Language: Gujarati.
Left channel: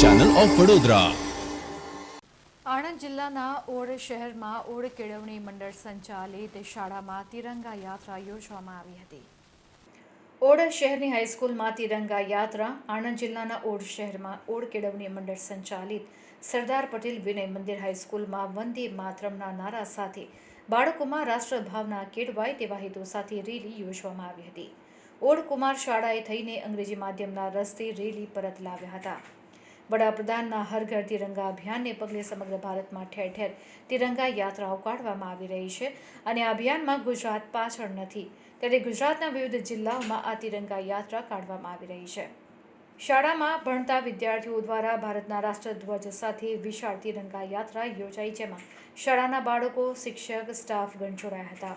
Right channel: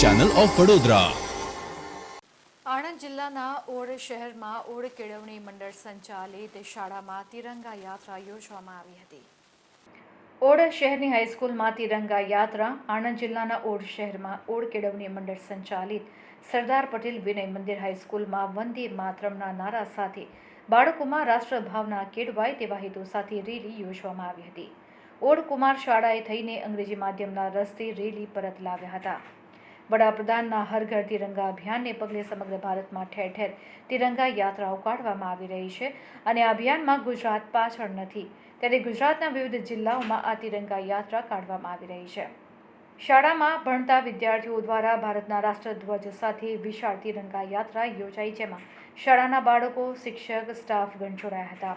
ચેનલ ઓફ વડોદરા આણંદ જિલ્લાના ઓડ શહેરમાં ઓડ કેળવણી મંડળ સંચાલિત શાળામાં તિરંગા યાત્રા યોજવામાં આવી હતી. ઓડ શહેરની હાઈસ્કૂલમાં તિરંગા યાત્રા આણંદ જિલ્લાના ઓડ શહેરમાં ઓડ કેળવણી મંડળ સંચાલિત સરદાર પટેલ વિનય મંદિર હાઈસ્કૂલમાં વંદે માતરમના નારા સાથે બાળકોમાં રાષ્ટ્રભાવના કેળવાય તેવા હેતુ સાથે રેલી યોજવામાં આવી હતી. ઓડ કુમાર શાળાએ થઈને અંગ્રેજી માધ્યમના રસ્તે રેલી પરત લાવ્યા હતા. વડાપ્રધાનના હર ઘર તિરંગા અભિયાનને પગલે સમગ્ર ભારતમાં ઠેર ઠેર તિરંગા યાત્રાઓ કાઢવામાં આવી રહી છે અને આ અભિયાનમાં ગુજરાત પાછળ નથી. ત્યારે ગુજરાતના વિવિધ જિલ્લાઓમાં આ તિરંગા યાત્રા કાઢવામાં આવી રહી છે. શાળામાં ભણતા વિદ્યાર્થીઓ દ્વારા ભારતના રાષ્ટ્રધ્વજ સાથે વિશાળ તિરંગા યાત્રા યોજાઈ, જેમાં શાળાના બાળકો, શિક્ષક, સ્ટાફગણ જોડાયા હતા.